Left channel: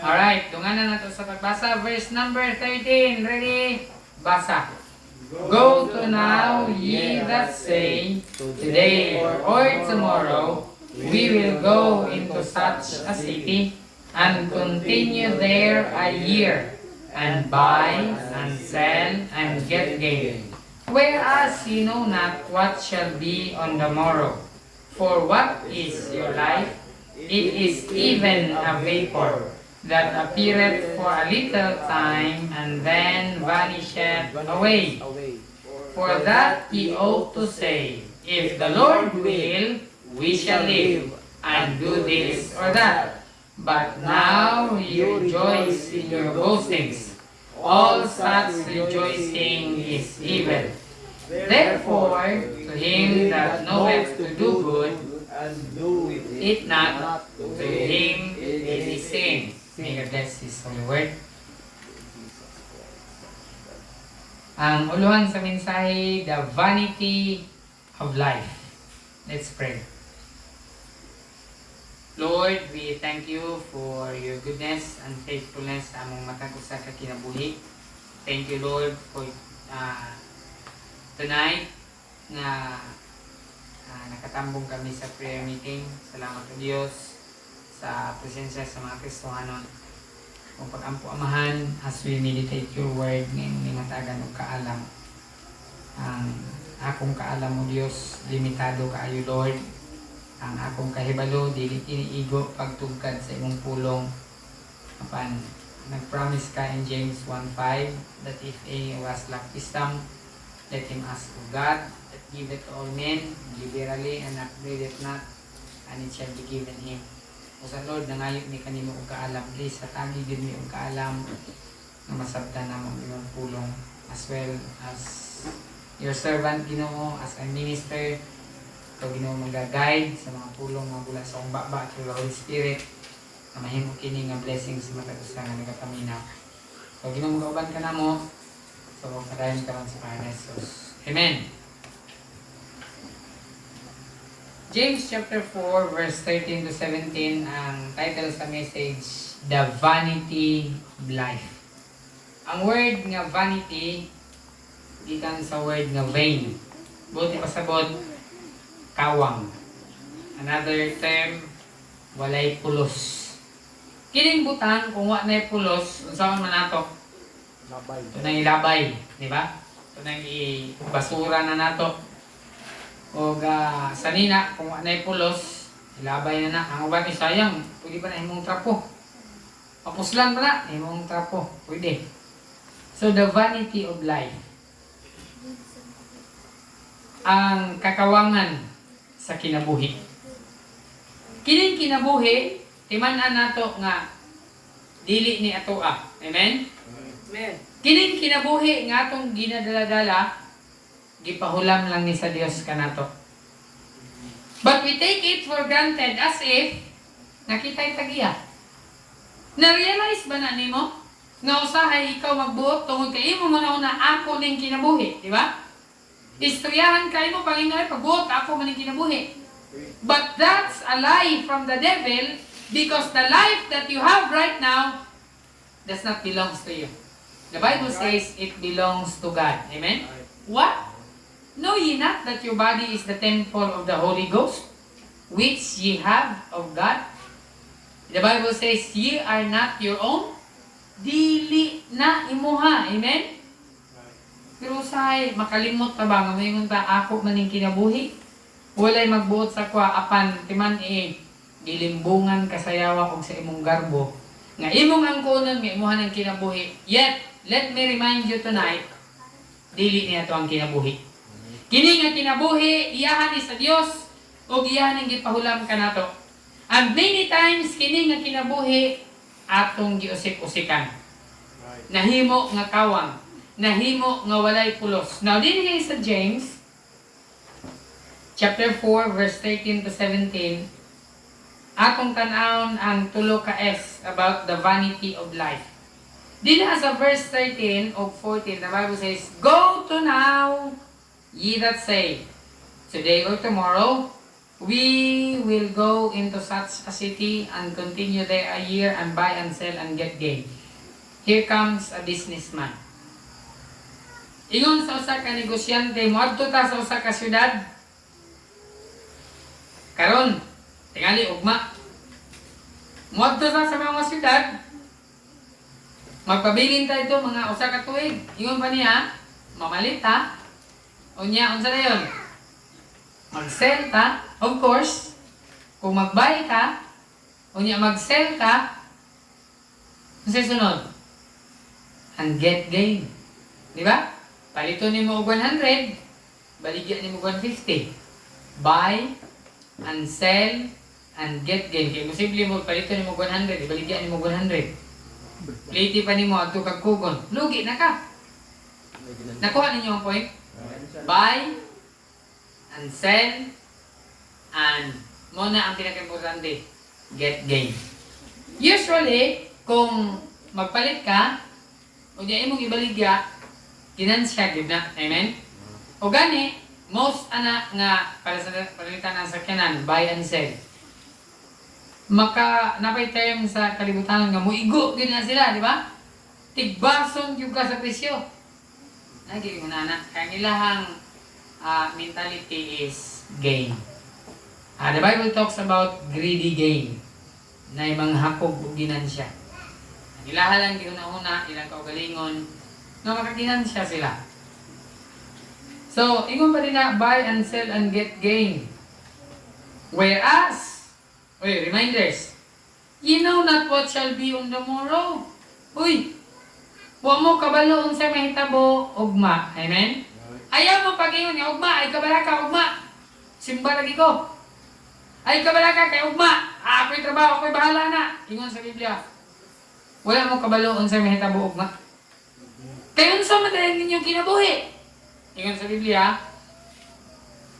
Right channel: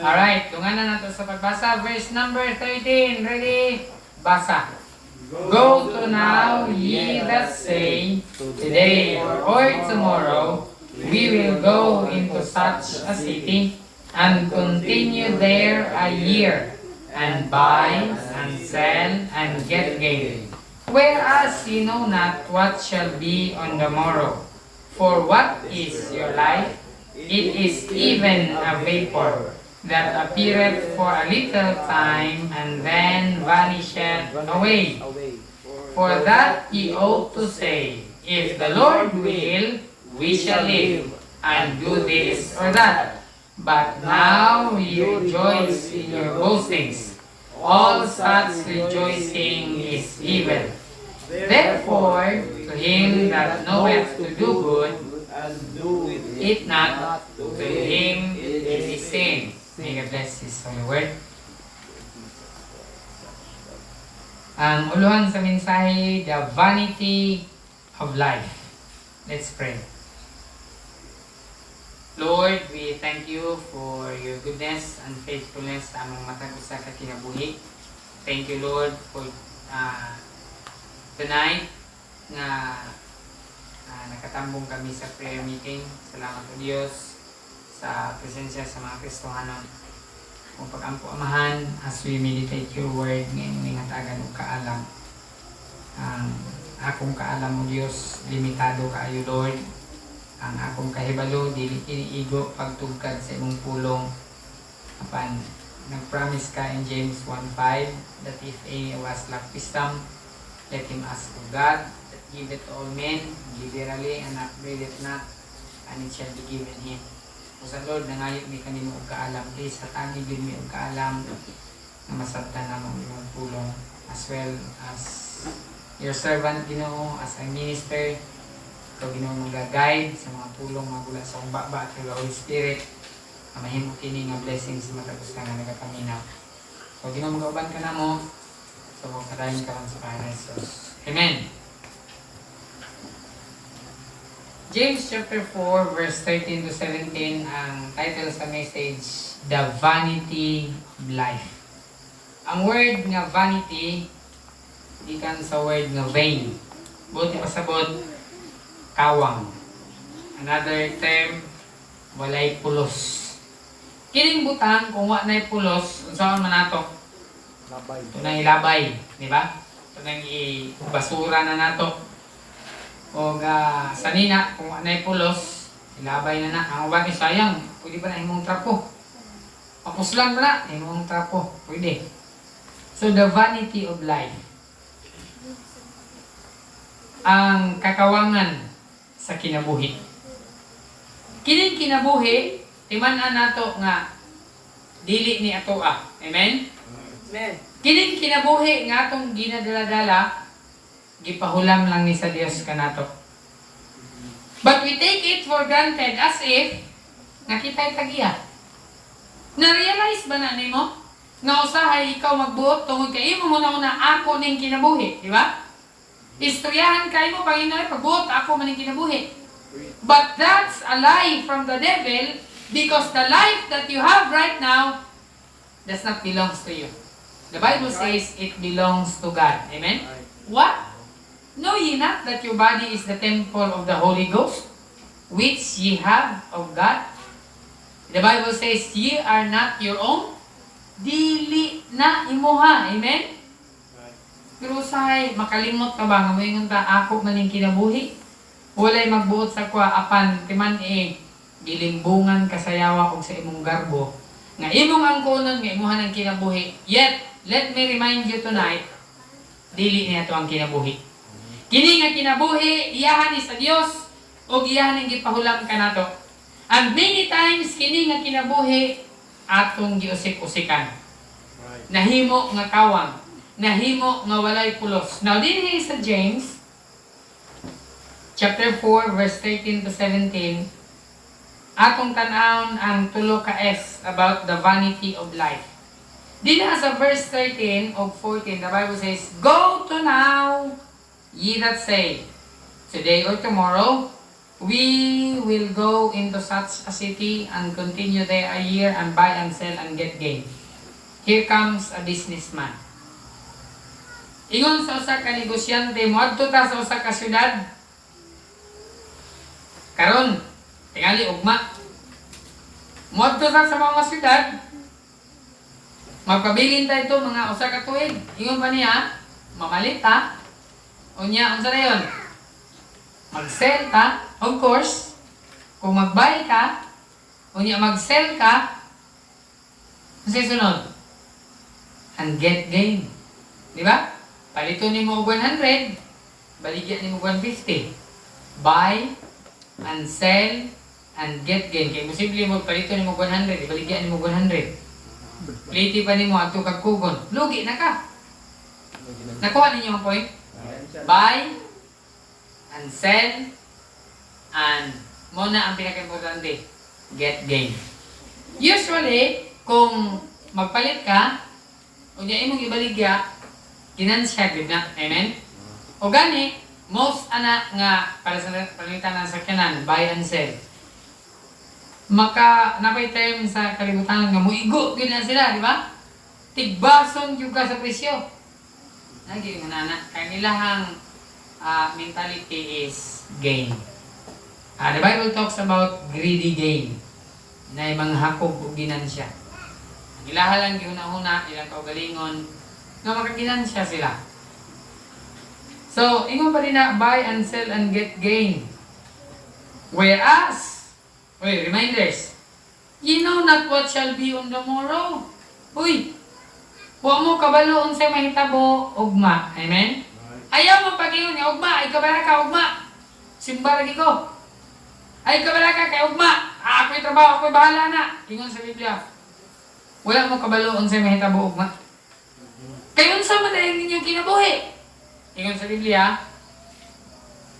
Alright, dungan na nato sa pagbasa. Verse number 13. Ready? Basa. Go to now, ye that say, today or tomorrow, we will go into such a city, and continue there a year, and buy, and sell, and get gain. Whereas you know not what shall be on the morrow. For what is your life? It is even a vapor, that appeareth for a little time, and then vanisheth away. For that ye ought to say, if the Lord will, we shall live, and do this or that. But now ye rejoice in your boastings. All such rejoicing is evil. Therefore, to him that knoweth to do good, and do it not, to him it is sin. May God bless His holy word. Ang uluhan sa mensahe, the vanity of life. Let's pray. Lord, we thank you for your goodness and faithfulness sa among matag usa ka kinabuhi. Thank you, Lord, for tonight na nakatambong kami sa prayer meeting. Salamat sa Diyos sa presensya sa mga Kristohanon. Kung pag-ampo amahan as we meditate your word ngayong ingatagan o kaalam. Ang akong kaalam mo Diyos, limitado kaayo Lord. Ang akong kahibalo, dili kiniigo pagtugkad sa imong pulong. Apan nag-promise ka in James 1:5 that if any was lack wisdom, let him ask of God, that giveth to all men, liberally, and upbraideth not, and it shall be given him. O sa Lord, nangayot ni kanino og kaalam, please, hatagi din mi og kaalam na masabtan namang imong pulong, as well as your servant, Ginoo, as a minister, ikaw Ginoo mag-guide sa mga pulong magula sa akong baba through the Holy Spirit, na mahimo kini nga blessings sa matapos nga nagakaminaw. So Ginoo mag-uban ka na mo, so magkadayon ka lang sa Panginoon Jesus. Amen. James chapter 4 verse 13 to 17 ang title sa message, The Vanity of Life. Ang word nga vanity gikan sa word nga vain. Buti pasabot kawang. Another term, walay pulos. Kining butang kung wa nay pulos, unsa man nato? labay. Ito nang ilabay, di ba? Ito nang ibasura na nato. O sanina, kung anay pulos, ilabay na na. Ang ubat ni sayang, pwede ba na imong trapo? Papuslang ba na, imong trapo. Pwede. So, the vanity of life. Ang kakawangan sa kinabuhi. Kining kinabuhi, timan-an nato nga dili ni atoa. Amen? Amen. Kining kinabuhi nga atong ginadala-dala, gipahulam lang ni sa Dios kanato. But we take it for granted as if nakita'y tagiya. Na-realize ba na nimo? Nga usahay ikaw magbuot tungod kay imo mo na ako ning kinabuhi, di ba? Istoryahan kay mo Panginoon pagbuot ako man ning kinabuhi. But that's a lie from the devil because the life that you have right now does not belongs to you. The Bible says it belongs to God. Amen? What? Know ye not that your body is the temple of the Holy Ghost, which ye have of God? The Bible says, ye are not your own. Dili na imuha. Amen? Pero say, makalimot ka ba? Ngayon ta, ako maning kinabuhi. Walay magbuot sa kwa, apan, timan gilimbungan kasayawa og sa imong garbo. Nga imong ang kunon, nga imuha ng kinabuhi. Yet, let me remind you tonight, dili niya to ang kinabuhi. Kini nga kinabuhi, iyahan ni sa Dios o iyahan ang gipahulam kanato. And many times kini nga kinabuhi atong giusik-usikan. Nahimo nga kawang, nahimo nga walay pulos. Now dinhi sa James chapter 4 verse 13 to 17, atong tan-awon ang tulo ka S about the vanity of life. Dinha sa verse 13 of 14, the Bible says, go to now, ye that say, today or tomorrow, We will go into such a city and continue there a year and buy and sell and get gain. Here comes a businessman. Ingon sa usa ka negosyante, moadto ta sa usa ka syudad. Karon, tingali ugma. Moadto ta sa mga syudad. Magpabilin ta ito mga usa ka tuig. Ingon pa niya, mamalit ta. Unya, unsa na yun? Mag-sell ka, of course. Kung mag-buy ka, unya mag-sell ka, kasi sunod, and get gain. Di ba? Palito ni mo 100, baligyan ni mo 150. Buy, and sell, and get gain. Kaya posible mo, palito ni mo 100, baligyan ni mo 100. Pliti pa ni mo, ato kagkugon. Lugi na ka. Nakuha ninyo ang point? Buy, and sell, and muna ang pinaka-importante, get gain. Usually, kung magpalit ka, o di ay mong ibaligya, ginansya, di na? Amen? O gani, most anak nga para sa palitan ng sakyanan, buy and sell. Napay term sa kalibutan nga muigo, gud na sila, di ba? Tigbason yung ka sa presyo. Lagi nga na, kanilahang mentality is gain. The Bible talks about greedy gain na mga hakog o ginansya. Ilaha lang gihuna-huna, ilang kaugalingon, na makaginansya sila. So, ingon pa rin na, buy and sell and get gain. Whereas, reminders, ye know not what shall be on the morrow. Uy, huwag mo kabalo unsay mahitabo, ugma. Amen? Ayaw mo pag-ingon niya, ugma, ay kabala ka, ugma. Simba lagi ko. Ay kabala ka, kay ugma. Ako'y trabaho, ako'y bahala na. Ingon sa Biblia. Wala mo kabalo unsay mahitabo, ugma. Kay unsa man dayang inyong kinabuhi. Ingon sa Biblia,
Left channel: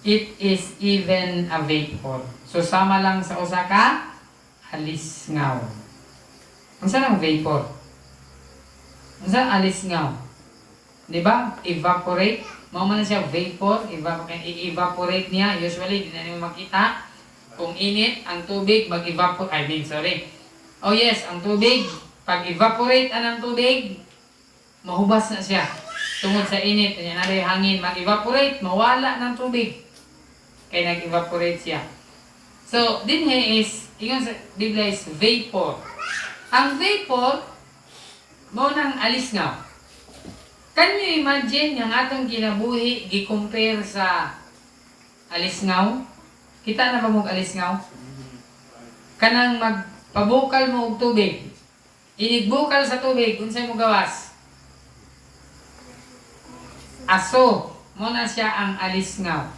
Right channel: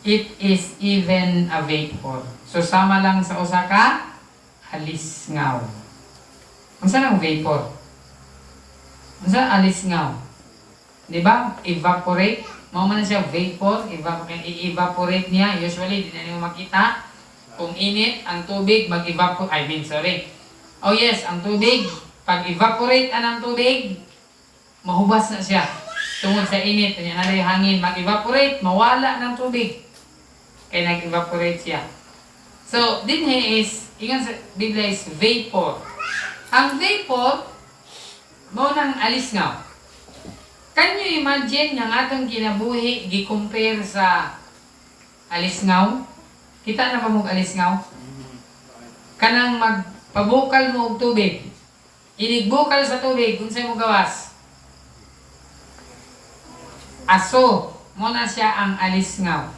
it is even a vapor. So sama lang sa usa ka alisngaw. Unsa nang vapor? Unsa alisngaw? Di ba? Evaporate. Mao man na siya vapor, i-evaporate niya. Usually di na niyo makita kung init ang tubig mag-evaporate. Oh yes, ang tubig pag evaporate anang tubig, mahubas na siya. Tungod sa init, kanya na rin hangin, mag-evaporate, mawala ng tubig. Kaya nag-evaporate siya. So, din is, ingon sa Biblia is vapor. Ang vapor, mo nang alisngaw. Can you imagine yung atong kinabuhi, gi-compare sa alisngaw? Kita na ba mong alisngaw? Kanang magpabukal mo og tubig. Inigbukal sa tubig, unsay mo gawas? Aso, mo na siya ang alisngaw.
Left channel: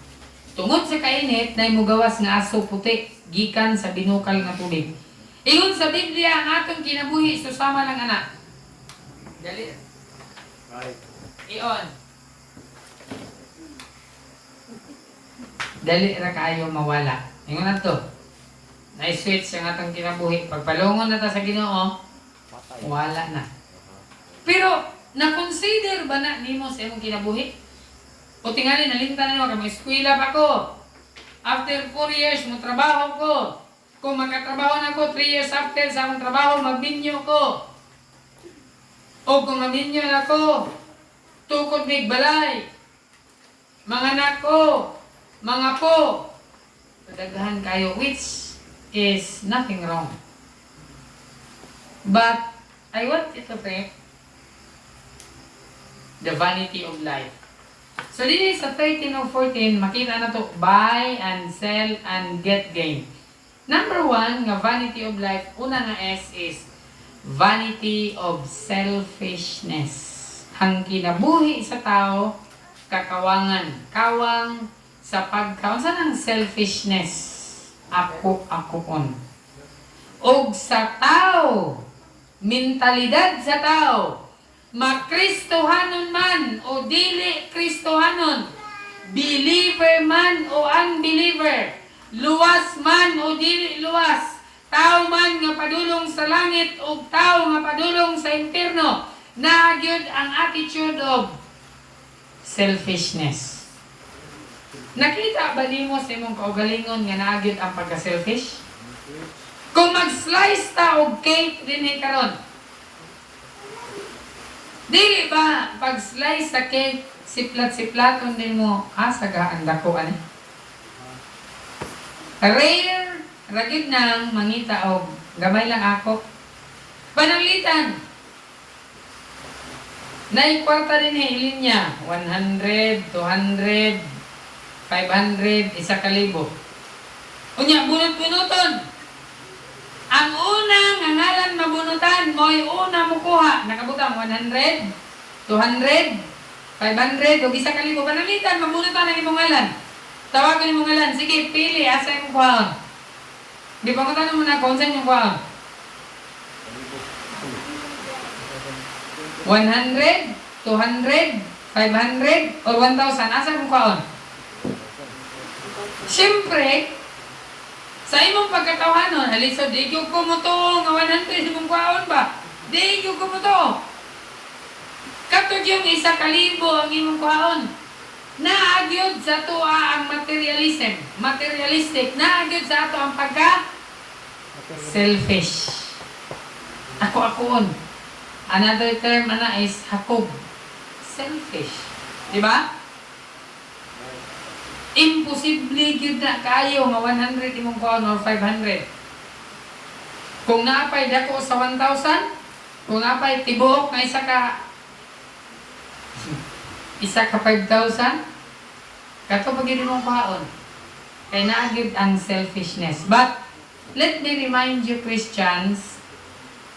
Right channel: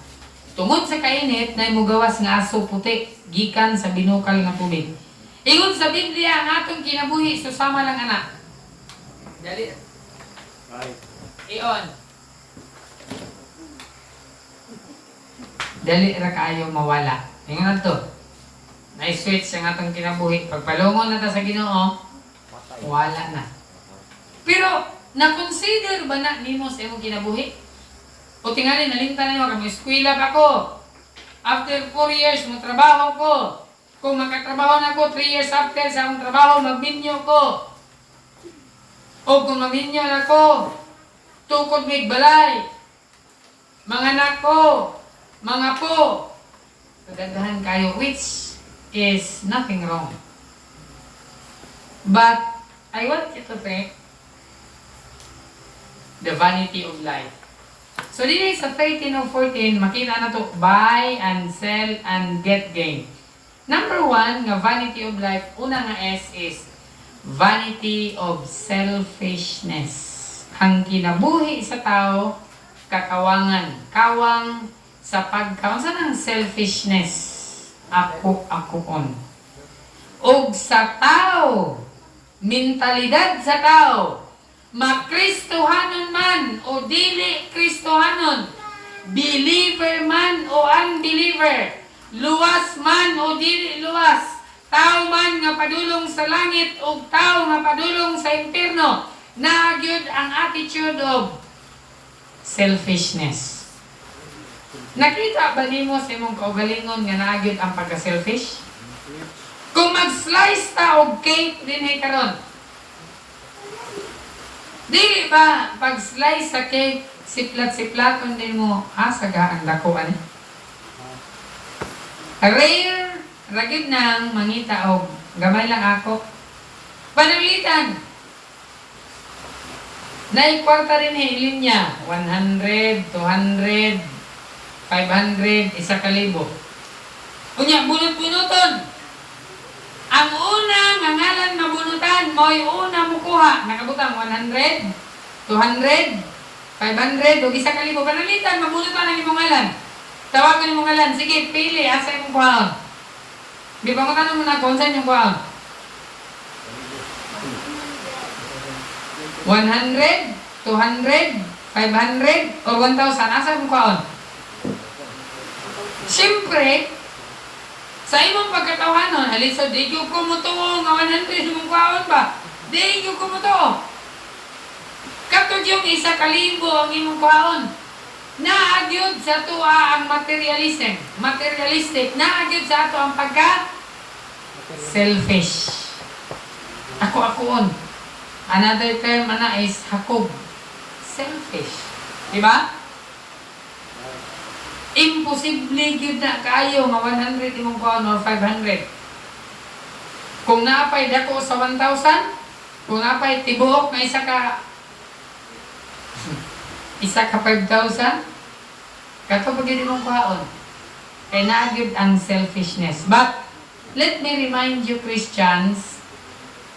Tungod sa kainit, na mugawas nga aso puti, gikan sa binukal nga tubig. Ingon sa Biblia, ang atong kinabuhi, susama lang anak. Dali. Iyon. Dali ra kaayo mawala. Ingon na to. Na-switch ang atong kinabuhi. Pagpalungon na ta sa Ginoo, wala na. Pero, na-consider ba na nimo sa imong kinabuhi? O tingali, nalintan na nyo, kami eskwela pa ko. After 4 years, trabaho ko. Kung magkatrabaho na ko, 3 years after sa akong trabaho, magbinyo ko. O kung maminyo na ko, tukod may balay. Mga anak ko, mga po. Kagadahan kayo, which is nothing wrong. But, I want you to think, the vanity of life. So, dito sa 13 o 14, makita na to, buy and sell and get gain. Number 1, nga vanity of life, una nga S is vanity of selfishness. Ang kinabuhi sa tao, kakawangan. Kawang sa pagkawan. Saan ang selfishness? Ako-akoon. Og sa tao, mentalidad sa tao, makristohanon man o dili kristohanon, believer man o unbeliever, luwas man o dili luwas, tao man nga padulong sa langit o tao nga padulong sa impierno, nagyod ang attitude of selfishness. Nakita ba nimo sa imong kaugalingon nga naagid ang pagka-selfish? Kung mag-slice ta og cake dinhi karon. Dili ba pag-slice sa cake siplat-siplaton din mo sagaan dako ani? Rare ragid nang mangita og gamay lang ako. Panalitan. Nay kwarta din linya 100, 200, 500, 1,000. Unya bunot-bunoton. Ang unang ngalan mabunutan mo yung una mo kuha. Nakabutang 100, 200, 500, o 1,000. Panalitan, mabunutan ang imong ngalan. Tawagan imong ngalan. Sige, pili. Asa imong kuhaon? Di ba matanong mo na kung saan yung kuhaon? 100, 200, 500, or 1,000. Asa imong kuhaon? Siyempre, sa imong pagkatawanon, halisa, di yung kumuto nga 100 imong kuhaon ba? Di yung kumuto. Katod yung 1,000 ang imong kuhaon. Naagyod sa tuwa ang materialism. Materialistic. Naagyod sa ato ang pagka-selfish. Ako-akoon. Another term is hakob. Selfish. Diba? Imposible gyud na kayo nga 100 imong kuhaon or 500. Kung naapay dako sa 1,000, kung naapay tibuok nga isa ka 5,000, kato pag yun imong kuhaon. Kaya naagid ang selfishness. But let me remind you, Christians,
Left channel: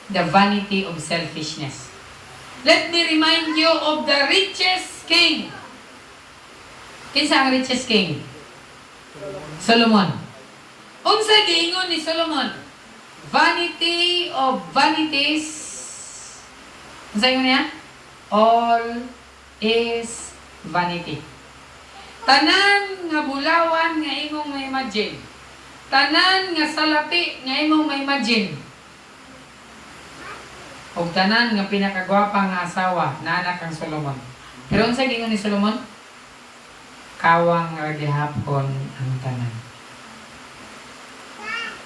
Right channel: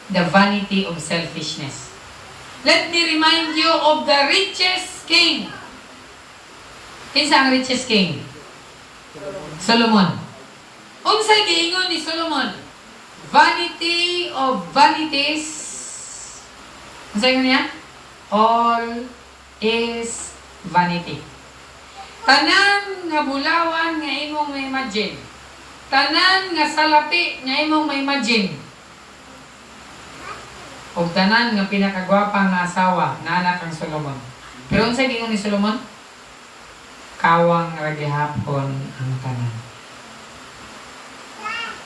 the vanity of selfishness. Let me remind you of the richest king. Kinsa ang richest king? Solomon. Unsay giingon ni Solomon? Vanity of vanities. Unsay ingon niya? All is vanity. Tanan nga bulawan nga imong ma-imagine. Tanan nga salapi nga imong ma-imagine. O tanan nga pinakagwapa nga asawa na anak ang Solomon. Pero unsay giingon ni Solomon? Kawang ragihapon ang tanan.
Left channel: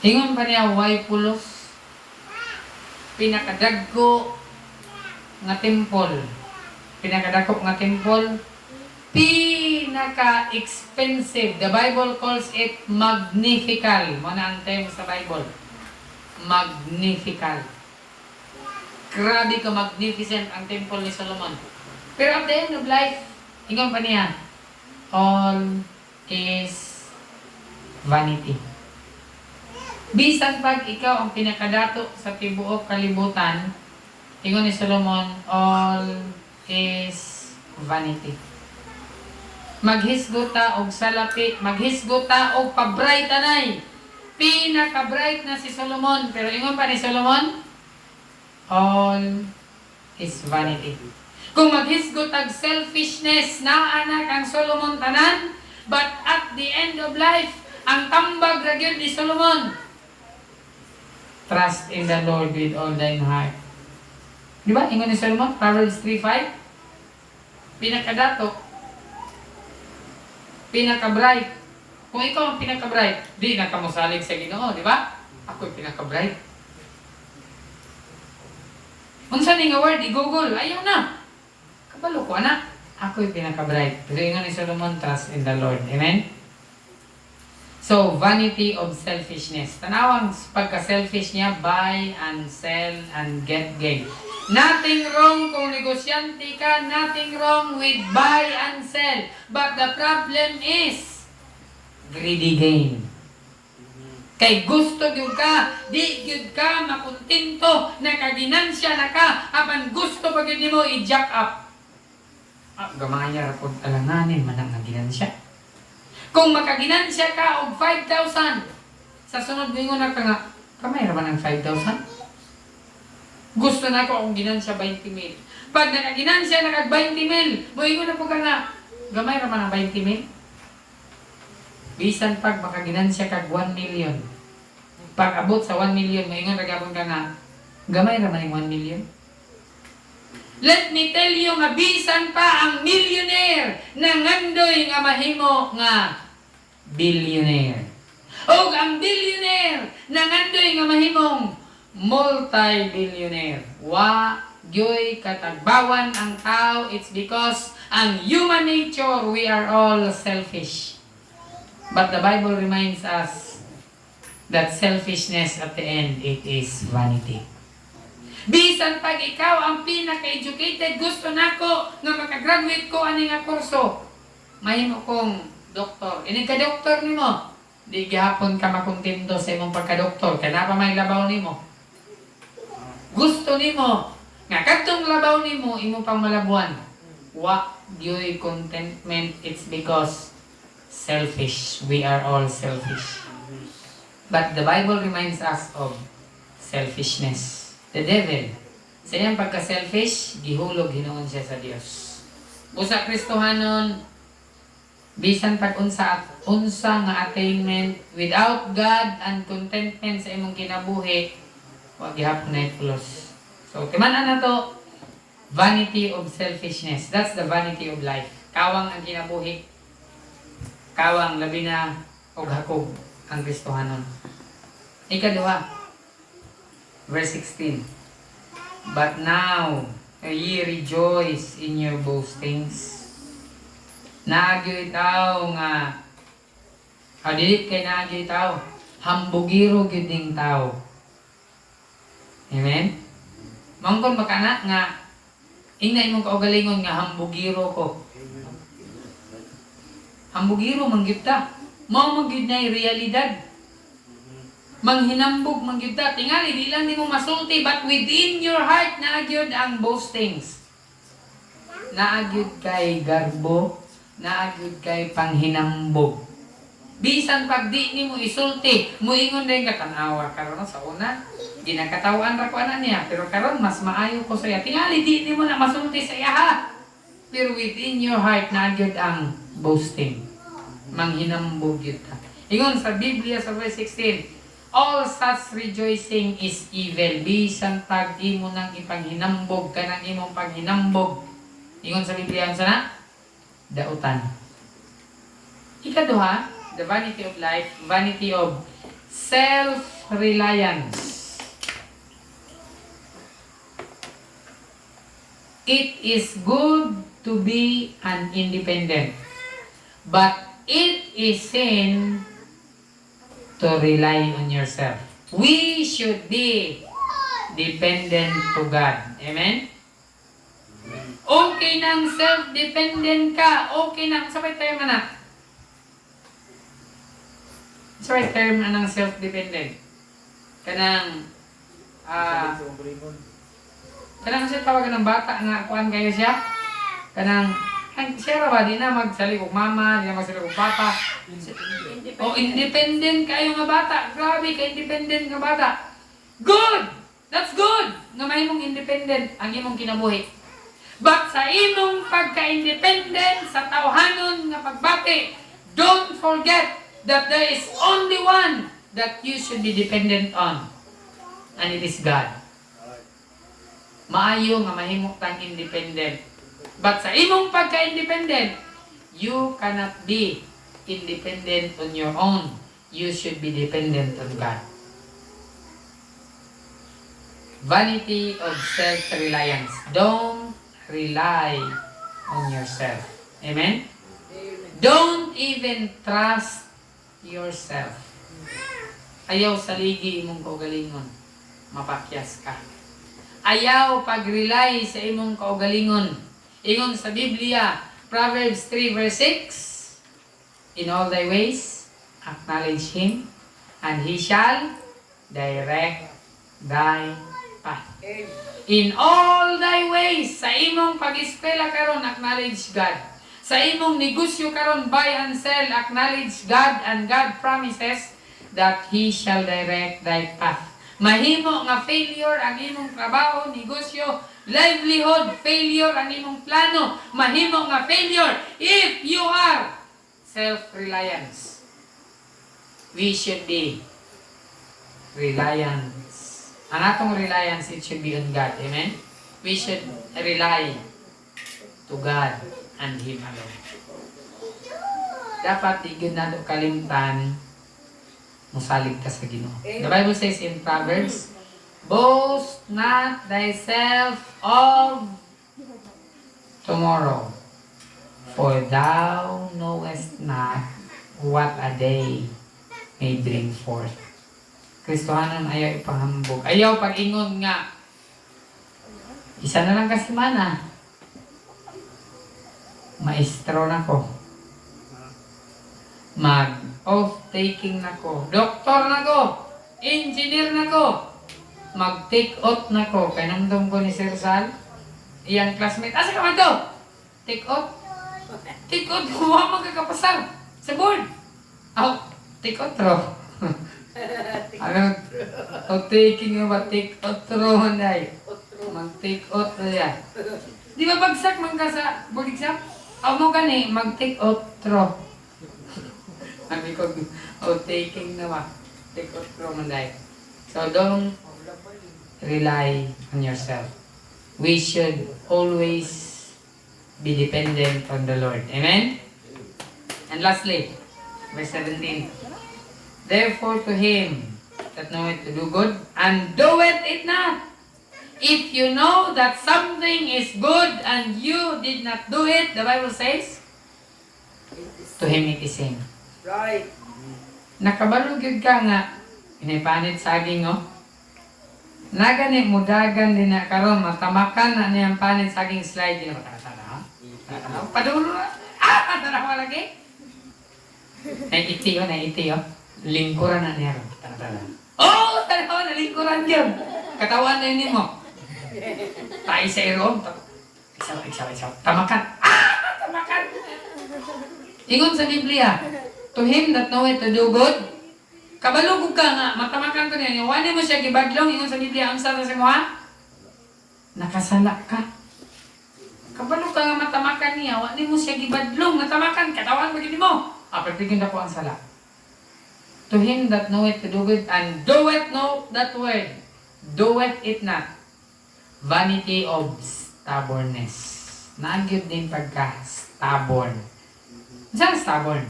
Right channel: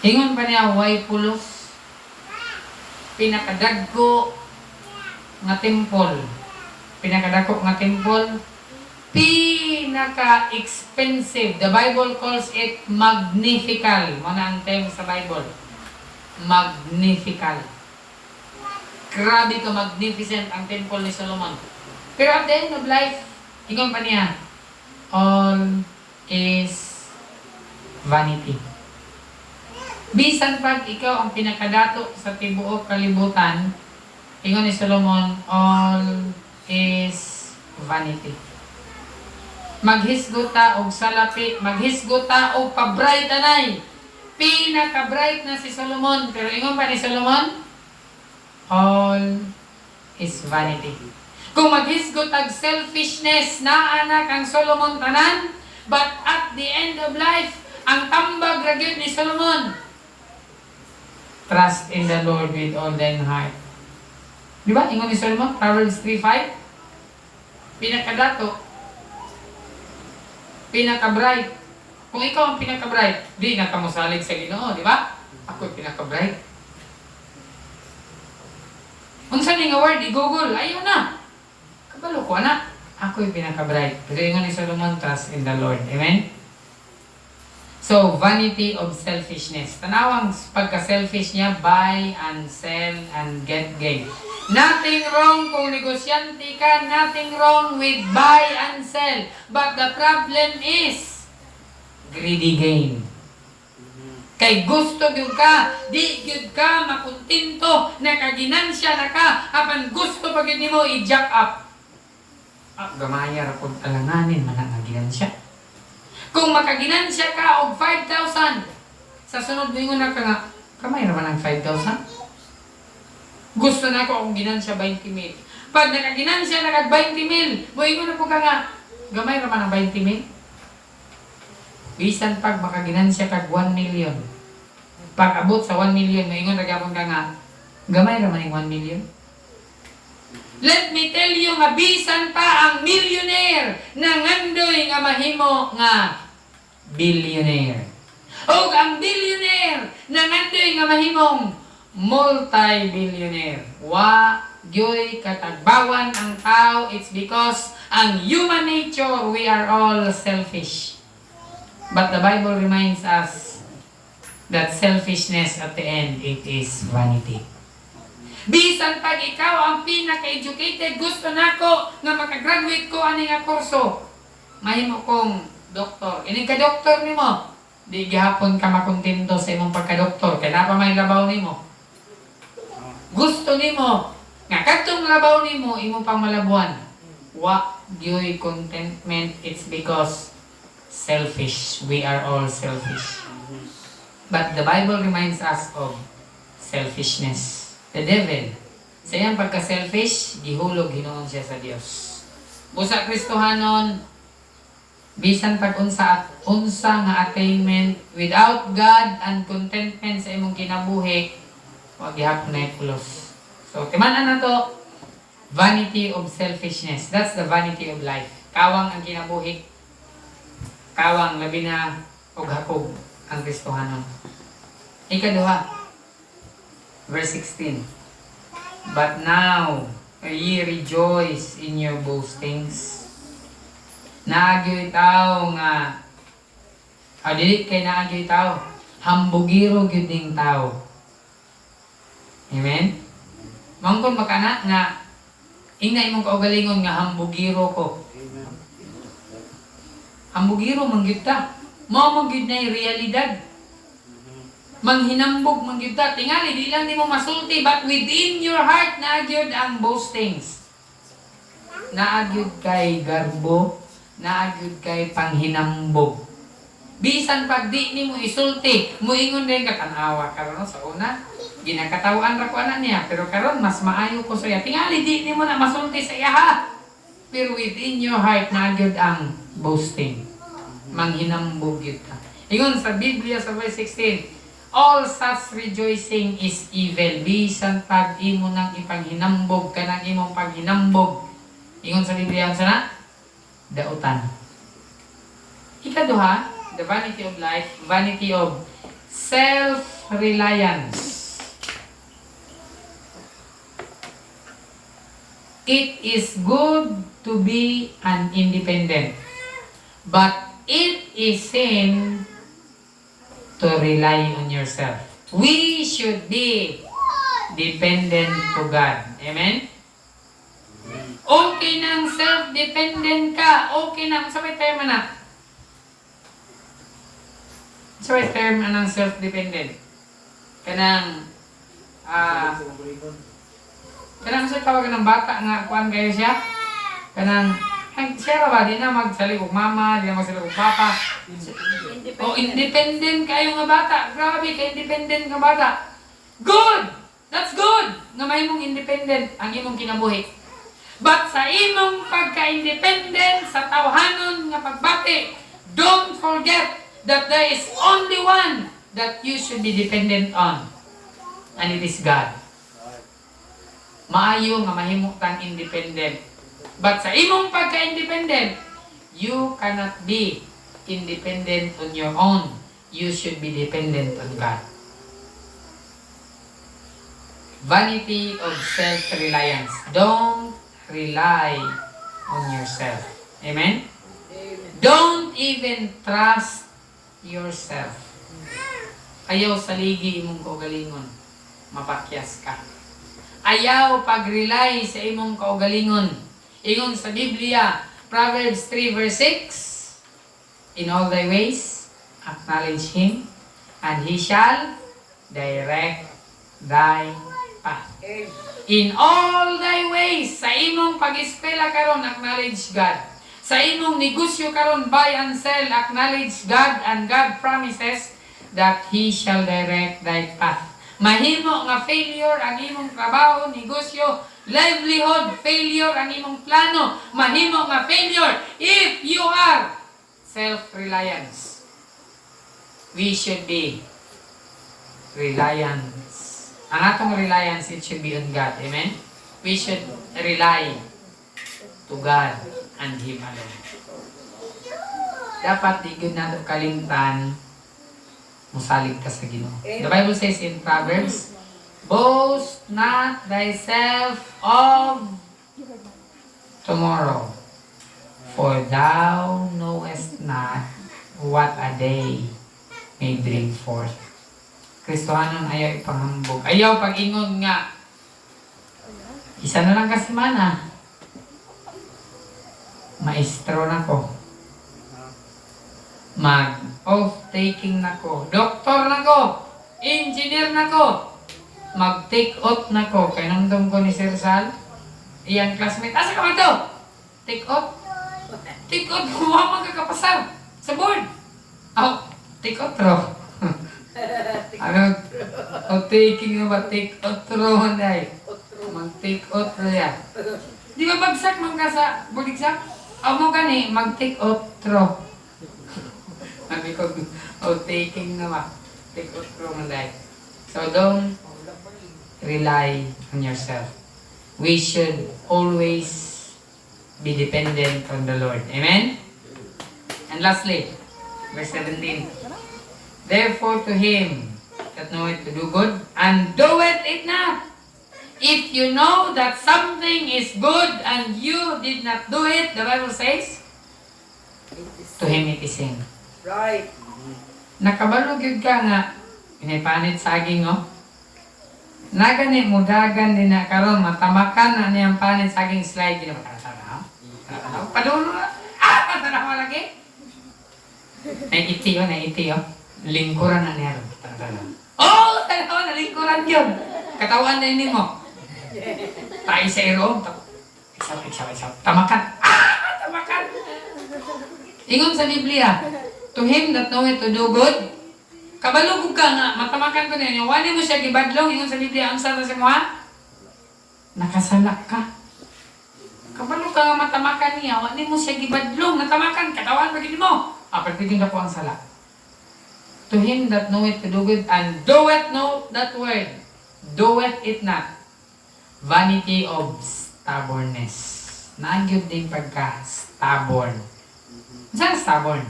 Ingon pa niya, way pulos. Pinakadagko nga temple. Pinakadako nga temple. Pinaka-expensive. The Bible calls it magnifical. Muna ang term sa Bible. Magnifical. Grabe ka magnificent ang temple ni Solomon. Pero at the end of life, ingon pa niya, all is vanity. Bisan pag ikaw ang pinakadato sa tibuok kalibutan, ingon ni Solomon, all is vanity. Maghisgota og salapi, maghisgota og pabright anay. Pinaka-bright na si Solomon, pero ingon pa ni Solomon, all is vanity. Kung maghisgot ang selfishness na anak ang Solomon tanan, but at the end of life, ang tambag ragyod ni Solomon, trust in the Lord with all thine heart. Di ba? Ingon ni Solomon, Proverbs 3:5, pinakadato, pinaka-bright. Kung ikaw ang pinaka-bright, di na ka mosalig sa Ginoo, di ba? Ako'y pinaka-bright. Unsa ni nga word, i-google, ayaw na. Kabalo ko, anak. Ako'y pinaka-bright. Pero ingon ni Solomon, trust in the Lord. Amen? So, vanity of selfishness. Tanawang pagka-selfish niya, buy and sell and get gain. Nothing wrong kung negosyante ka. Nothing wrong with buy and sell. But the problem is greedy gain. Kay gusto gyud ka, di gyud ka makuntinto, nakaginansya na ka, apan gusto pa gyud nimo i-jack up. Gamaya ra pud alanganin man ang ginansya. Kung makaginansya ka og 5,000, sa sunod lingon na ka nga, kamay ra man ang 5,000. Gusto na ko akong ginansya 20,000. Pag nakaginansya na kag 20,000, moingon na po ka nga, gamay ra man ang 20,000. Bisan pag makaginansya kag 1 million. Pag abot sa 1 million, maingon ra gyapon ka nga, gamay ra man ang 1 million. Let me tell you nga bisan pa ang millionaire nangandoy nga mahimo nga billionaire. O ang billionaire nangandoy nga mahimong multi-billionaire. Wa gyoy katagbawan ang tao. It's because ang human nature, we are all selfish. But the Bible reminds us that selfishness at the end, it is vanity. Bisan pag ikaw ang pinaka-educated, gusto nako nga makagraduate ko ani nga kurso, mahimo kong doktor. Ini ka doktor nimo, di gihapon ka makontento sa imong pagka-doktor. Kaya pa may labaw nimo. Gusto nimo nga kadtong labaw nimo imo pang malabuan. Wa gyoy contentment, it's because selfish. We are all selfish. But the Bible reminds us of selfishness. The devil, sa iyang pagka-selfish, gihulog hinoon siya sa Dios. Busa Kristohanon, bisan pag-unsa at unsa nga attainment without God and contentment sa imong kinabuhi, wa gihapon na ipulos. So, timan-an na to, vanity of selfishness. That's the vanity of life. Kawang ang kinabuhi. Kawang labi na og hakog ang Kristohanon. Ikaduha, verse 16. But now, ye rejoice in your boastings. Naagyo'y tao nga, dili kay naagyo'y tao, hambugiro gyud ning tao. Amen? Mangkon makana nga, ingna imong kaugalingon nga hambugiro ko. Hambugiro mangyud ta. Mao magyud na realidad. Manghinambog mangyud ta. Tingali di lang nimo masulti, but within your heart naagyod ang boastings. Naagyod kay garbo, naagyod kay panghinambog. Bisan pag di nimo isulti, muingon din ka tanawa karon sa una. Ginakatawan ra ko ana niya, pero karon mas maayo ko sa iya. Tingali di nimo na masulti sa iya ha. Pero within your heart naagyod ang boasting. Manghinambog gyud ka. Ingon sa Biblia sa verse 16, all such rejoicing is evil. Bisan pag imo nang ipanghinambog ka ng imong paghinambog. Ingon sa Biblia ang sana? Dautan. Ikaduha, the vanity of life, vanity of self-reliance. It is good to be an independent, but it is sin to rely on yourself. We should be dependent to God. Amen? Okay nang self-dependent ka. Okay nang, sabay term na. Sabay term anang self-dependent. Kanang, kanang siya tawagan ng bata nga kuan kayo siya. Kanang, ay, siya ba, di na magsalig og mama, di na magsalig og papa. O independent kayo nga bata. Grabe ka independent nga bata. Good! That's good! Nga mahimong independent ang imong kinabuhi. But sa imong pagka-independent sa tawhanon nga pagbati, don't forget that there is only one that you should be dependent on. And it is God. Maayo nga mahimo kang independent. But sa imong pagka-independent, you cannot be independent on your own. You should be dependent on God. Vanity of self-reliance. Don't rely on yourself. Amen? Don't even trust yourself. Ayaw saligi imong kaugalingon. Mapakyas ka. Ayaw pag-rely sa imong kaugalingon. Ingon sa Biblia, Proverbs 3 verse 6, in all thy ways, acknowledge Him, and He shall direct thy path. In all thy ways, sa imong pag-eskwela karon, acknowledge God. Sa imong negosyo karon, buy and sell, acknowledge God, and God promises that He shall direct thy path. Mahimo nga failure ang imong trabaho, negosyo, livelihood, failure ang imong plano. Mahimo nga failure if you are self-reliance. We should be reliance. Ang atong reliance, it should be on God. Amen? we should rely to God and Him alone. Dapat di gyud nato kalimtan musalig ka sa Ginoo. The Bible says in Proverbs, boast not thyself of tomorrow, for thou knowest not what a day may bring forth. Kristohanon ayaw ipanghambog. Ayaw pag-ingon nga. Isa na lang kasi mana. Maestro na ko. Mag-off-taking na ko. Doktor na ko. Engineer na ko. Mag-take out na ko. Kaya nandun ko ni Sir Sal. Iyang classmate. Asa ka man to? Take out? Take out. Kumama ka kapasar. Sa board. Oh, take out ro. Ano? Taking na ba? Take out ro. Mag-take out ro yan. Di ba bagsak man ka sa board exam? Amo gani, mag-take out ro. Sabi ko, taking na ba? Take out ro man dahil. So don't rely on yourself. We should always be dependent on the Lord. Amen? And lastly, verse 17. Therefore to him that knoweth to do good, and doeth it not. If you know that something is good and you did not do it, the Bible says, to him it is sin. Right. Nakabalog yun ka nga, inipanit saging, oh. Nagani mudagan din na karon matamakan na niyang panit saging slide din na matanaw. Matanaw. Padulo na. Matanaw lagi. Naiti oh. Lingkuran na niya ron. Tanaw. Oh, tanaw na lingkuran yun. Katawan na yun mo. Tayo sa iro. Isaw. Tamakan. Tamakan. Ingon sa Biblia, to him that knoweth to do good, kabalugog ka nga, matamakan ko na yun. Wali mo siya gibadlong, yung sa Biblia, ang sana sa mga nakasala ka. Kabalog ka nga matamakan niya, wali mo siya gibadlong, natamakan, katawan pagin mo. Pagtigin na po ang sala. To him that knoweth to do good, and doeth not that word, doeth it not. Vanity of stubbornness. Nagyod din pagka stubborn. Saan stubborn?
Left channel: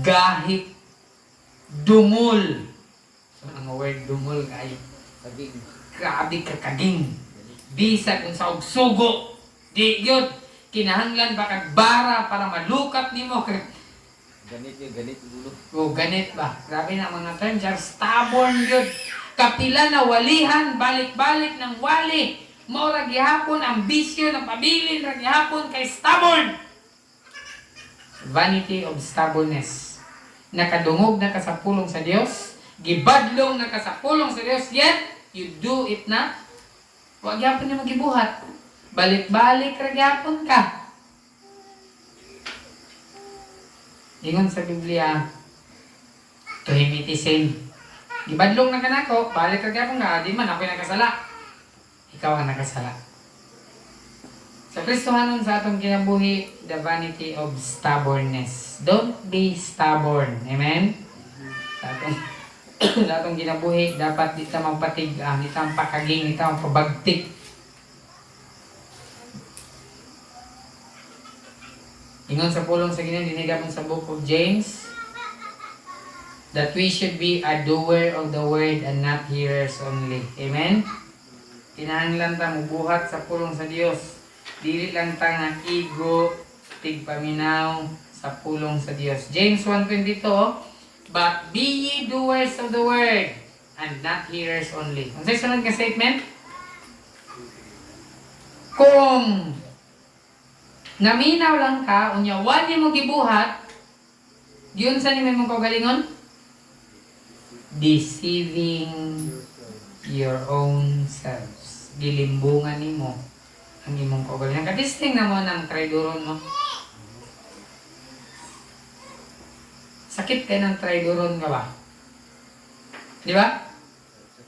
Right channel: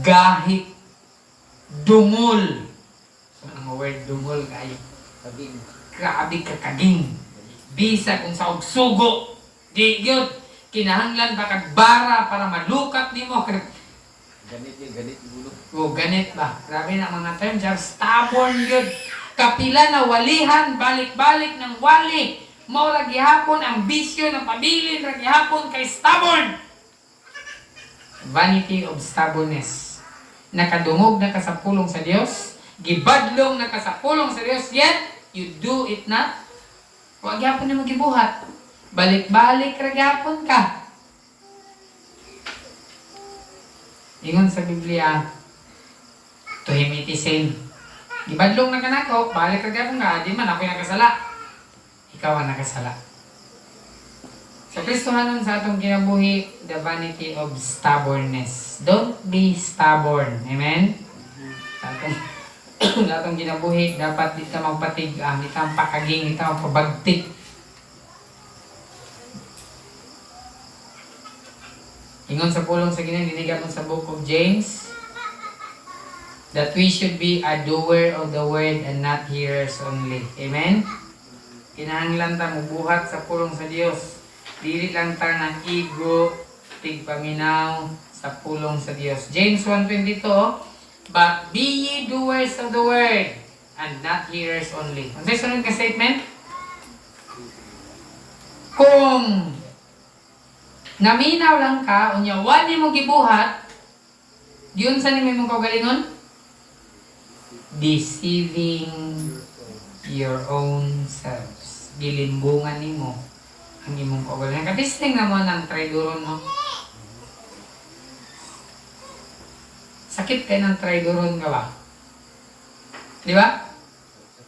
Gahit, dumol. Ang word dumol kayo. Grabe ka kaging. Bisa kung sa sugo. Di yun. Kinahanglan ba kagbara para malukat nimo. Ganit yun. O ganit ba? Grabe na mga terms. Stubborn yun. Kapila na walihan, balik-balik ng wali. Maura gihapon ang bisyo na pabilin ra gihapon kay stubborn. Vanity of stubbornness. Nakadungog na ka sa pulong sa Dios, gibadlong na ka sa pulong sa Dios, yet you do it not. Wa gyapon ni magibuhat. Balik-balik ra gyapon ka. Ingon sa Biblia, to him it is sin. Gibadlong na ka nako, balik ra gyapon ka, di man ako'y nakasala. Ikaw ang nakasala. So, Kristohanon sa atong kinabuhi, the vanity of stubbornness. Don't be stubborn. Amen? Sa atong kinabuhi, dapat di ta magpatig, di ta pakaging, di ta magpabagtik. Ingon sa pulong sa Ginoo, dinigapon sa book of James, that we should be a doer of the word and not hearers only. Amen? Kinahanglan ta mubuhat sa pulong sa Dios. Dili lang ta nga ego, tigpaminaw sa pulong sa Dios. James 1:22, but be ye doers of the word and not hearers only. Ano sa sunod ka statement? Kung naminaw lang ka, unya wali mo gibuhat, yun sa nimo mong kaugalingon? Deceiving your own selves. Gilimbungan nimo ang imong kaugalingon. Kadisting naman ang traidoron mo. Sakit kayo ng traidoron ka ba? Di ba?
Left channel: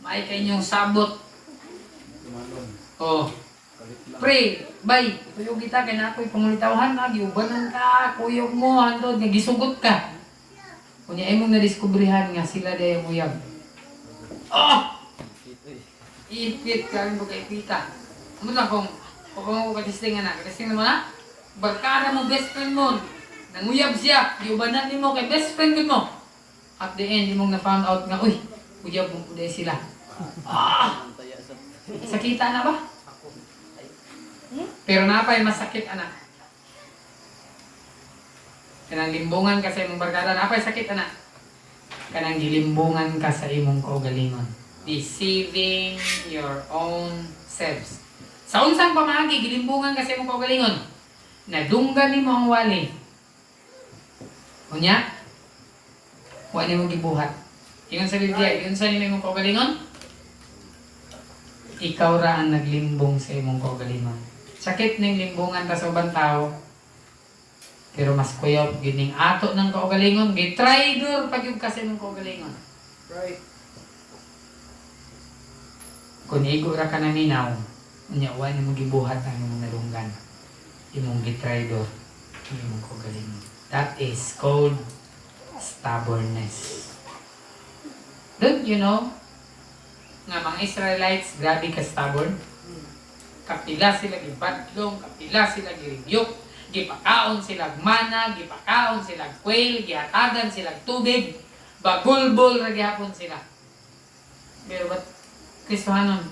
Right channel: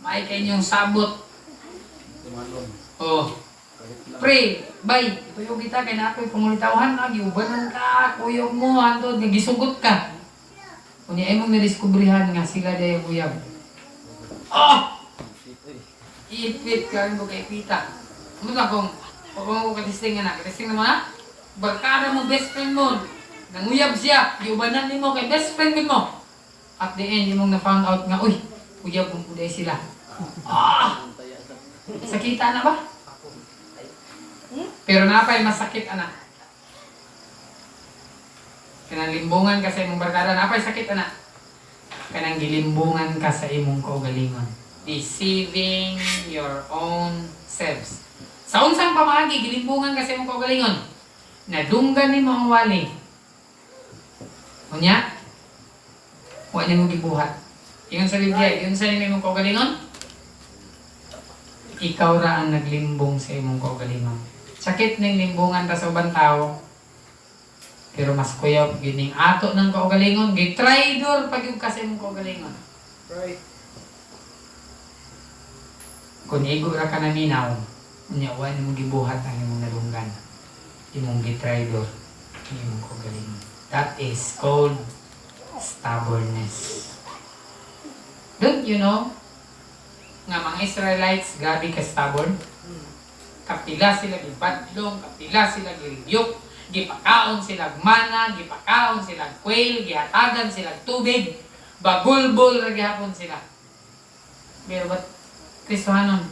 May kayo yung sabot. Oh. Pre, bay, tuyog kita kay na ako'y pangulitawhan na, giubanan ka, kuyog mo, handod, nagisugot ka. Kunya imong nadiskubrihan nga sila dayang uyab. Oh! Iipit ka rin mo kay Pita. Ano lang kung ako katisting na, katisting na mo na, barkada mo, best friend mo, nanguyab siya, giubanan mo kay best friend mo. At the end, yung na-found out nga, uy, uyab mo dahil sila. Ah! Sakita na ba? Pero napay masakit, anak. Kanang limbungan ka sa imong barkada, napay sakit, anak. Kanang gilimbungan ka sa imong kaugalingon. Deceiving your own selves. Sa unsang pamagi, gilimbungan ka sa imong kaugalingon. Nadunggan ni mo ang wali. Unya, huwag ni mo gibuhat. Yun sa Biblia, yun sa imong kaugalingon, ikaw ra ang naglimbong sa imong kaugalingon. Sakit ning limbungan ta sa ubang tao, pero mas kuyaw gining ato ng kaugalingon, gitraidor pag yung kasi imong kaugalingon. Right. Kung igo ra ka na minaw, unya wa nimo gibuhat ang imong nalunggan. Imong gitraidor ang imong kaugalingon. That is called stubbornness. Don't you know nga mga Israelites grabe ka stubborn? Kapila sila gibadlong, kapila sila giriyok, gipakaon sila mana, gipakaon sila quail, gihatagan sila tubig, bagulbol ra gihapon sila. Pero ba't Kristohanon,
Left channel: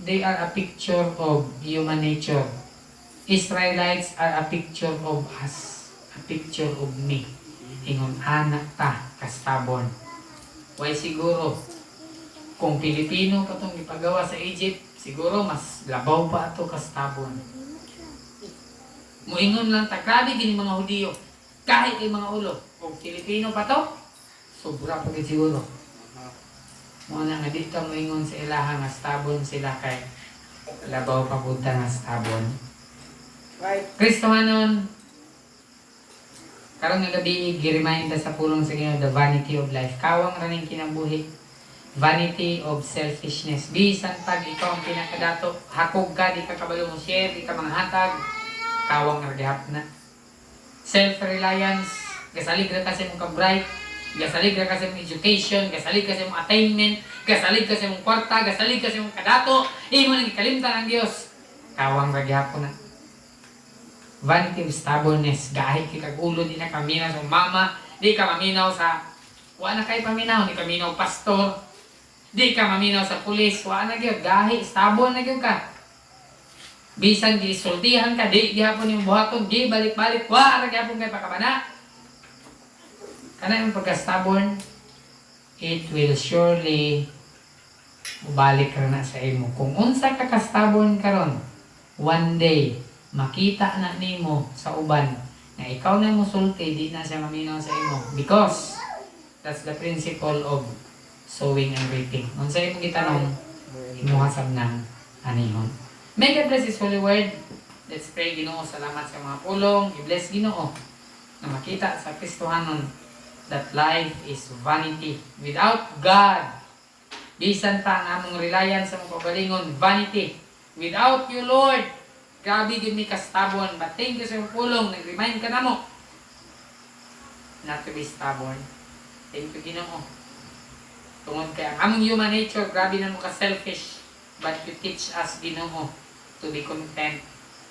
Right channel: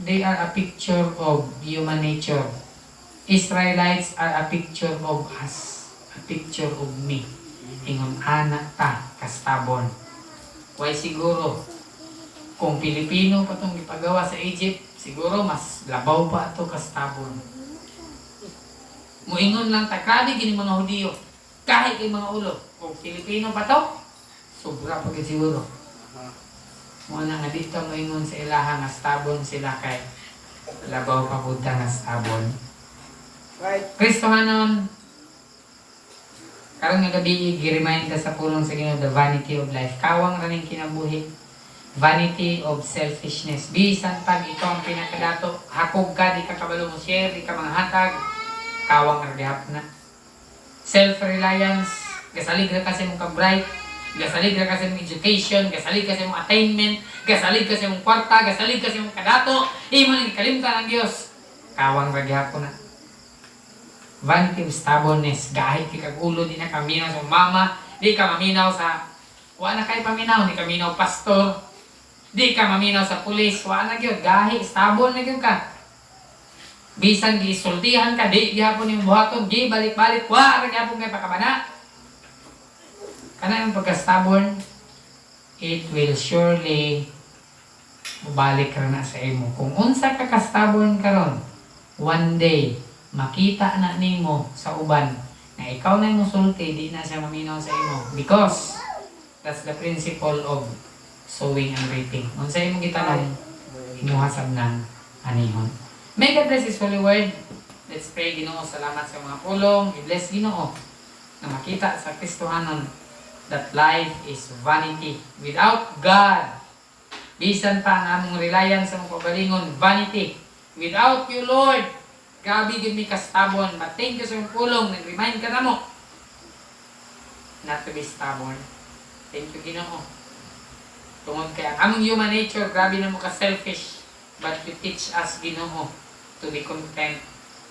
they are a picture of human nature. Israelites are a picture of us, a picture of me. Ingon anak ta, ka-stubborn. Why siguro? Kung Pilipino pa itong ipagawa sa Egypt, siguro mas labaw pa ito ka-stubborn. Muingon lang ta, grabe gini mga Hudiyo. Kahit yung mga ulo. Kung Pilipino pa to, sobra pa siguro. Muna nga dito muingon sa ilaha nga stubborn sila kay labaw pa punta nga stubborn. Right. Kristohanon, karong nga gabi, gi-remind ka sa pulong sa Ginoo, the vanity of life. Kawang raning kinabuhi. Vanity of selfishness. Bisan pag ikaw ang pinakadato, hakog ka, di ka kabalo mo share, di ka mga hatag, kawang ragihap na. Self-reliance, gasalig ra kasi mong ka-bright, gasalig ra kasi mong education, gasalig kasi mong attainment, gasalig kasi mong kwarta, gasalig kasi mong kadato, imo nang ikalimtan ang Dios. Kawang ragihap na. Vanity of stubbornness, gahit di kag-ulo, di na kaminaw sa mama, di ka maminaw sa, wala na kayo paminaw, di ka minaw pastor, di ka maminaw sa pulis, wala na gyud, gahi, stubborn na gyud ka. Bisan di sultihan ka, di gihapon yung buhaton, di balik-balik, wala na gihapon kay pakabana. Kana yung pagka-stubborn, it will surely mubalik ka na sa imo. Kung unsa ka ka-stubborn karon, one day, makita na nimo sa uban na ikaw na yung sulti, di na siya maminaw sa imo. Because, that's the principle of sowing and reaping. Kung sa imong gitanong, imuhasab ng anihon. May God bless His holy word. Let's pray, Ginoo. Salamat sa mga pulong. I-bless Ginoo na makita sa Kristohanon that life is vanity. Without God, bisan pa ang among reliance sa mga kaugalingon, vanity. Without you, Lord, grabe gid mi ka-stubborn. But thank you sa mga pulong. Nag-remind ka na mo not to be stubborn. Thank you, Ginoo. Tungod kay ang among human nature, grabe na mo ka-selfish. But you teach us, Ginoo, to be content.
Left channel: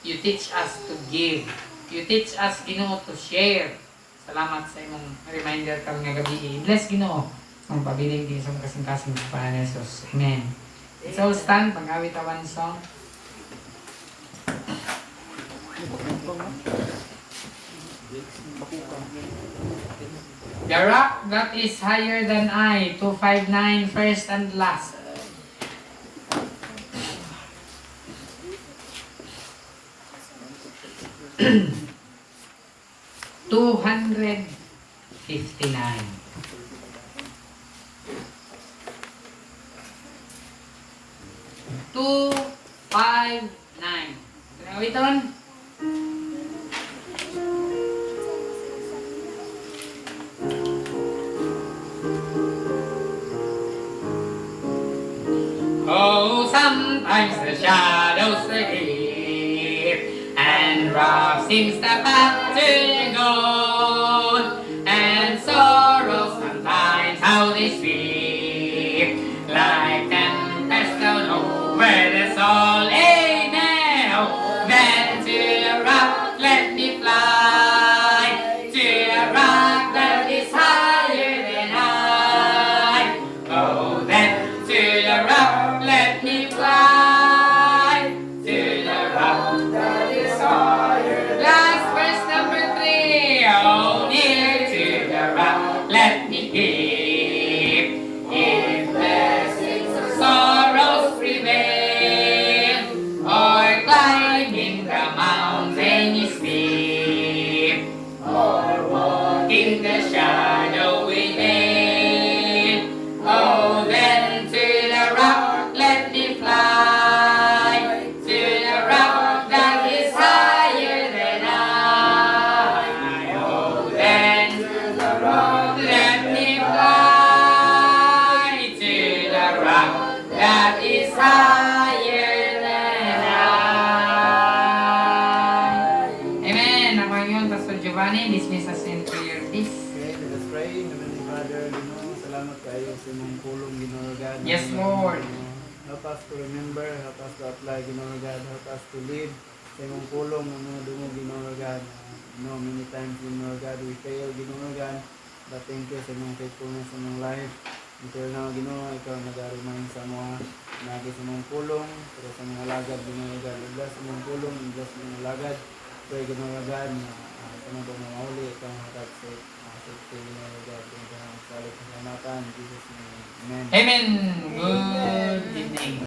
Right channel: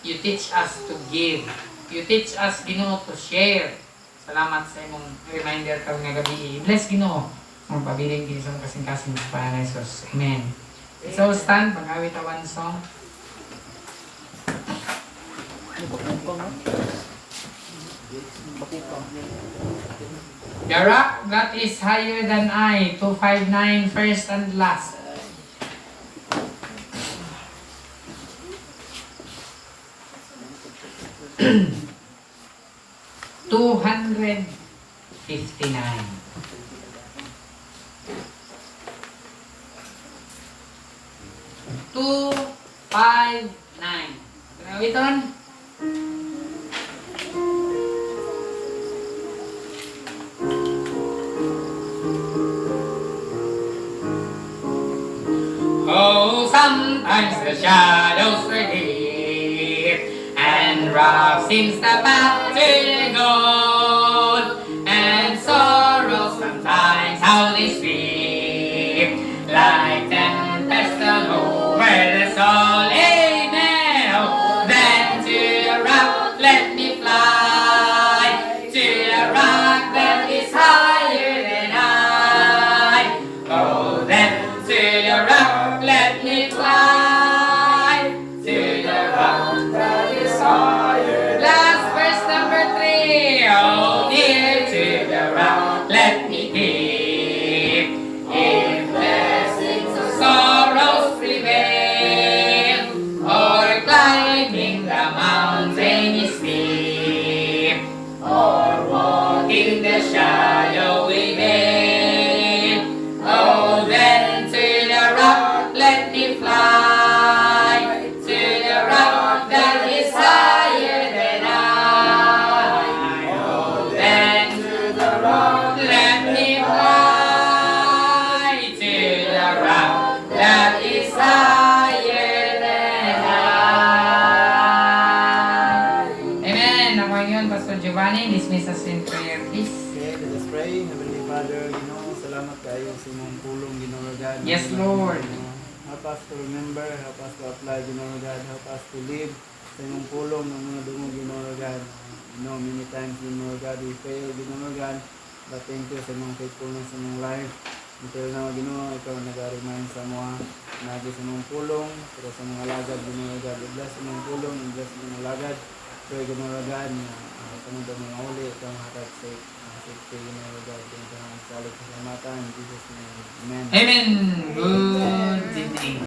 You teach us to give. You teach us, Ginoo, to share. Salamat sa imong reminder karon nga gabi. Bless, Ginoo. Ang pabiling kini sa mong kasing-kasing sa Panginoon Jesus. Amen. Let's all stand. Pag-awit one song. The rock that is higher than I, 259, first and last. $259. 259. Pinawiton. Oh, sometimes the shadows sleep, and rough seems the path to gold, and sorrow sometimes how they sweep like tempest soul. Amen. Oh, then to the rock, let me fly. To the rock that is higher than I. Oh, then to the rock, let me fly. To the rock that is higher. Last verse number 3. Oh, near to the rock, let me keep. If blessings or sorrows prevail, or climbing the mountain is steep, or walking the shadowy vale, oh, then to the rock let me fly, to the rock that is higher than I. Oh, then to the rock let me fly, to the rock that is higher than I. Amen. Ako yun, Pastor Giovanni. Dismiss us in prayer, please. Okay, let us pray. Heavenly Father, Ginoo, salamat kayo sa inyong tulong, Ginoo God. Yes, Lord. Help us to remember, help us to apply, Ginoo God. Help us to live sa inyong pulong ng mga dungog, Ginoo God. Many times, Ginoo God, we fail, Ginoo God. But thank you sa inyong faithfulness sa inyong life. Until now, Ginoo, ikaw nag-remind sa mga nagi sa inyong pulong, pero sa mga lagad, Ginoo God. I-bless sa inyong pulong, i-bless sa mga lagad. Pray, Ginoo God, na sa mga uli, ikaw makatag sa safety, Ginoo God. Thank you, salit sa salamatan. In Jesus' name, Amen. Amen. Good evening.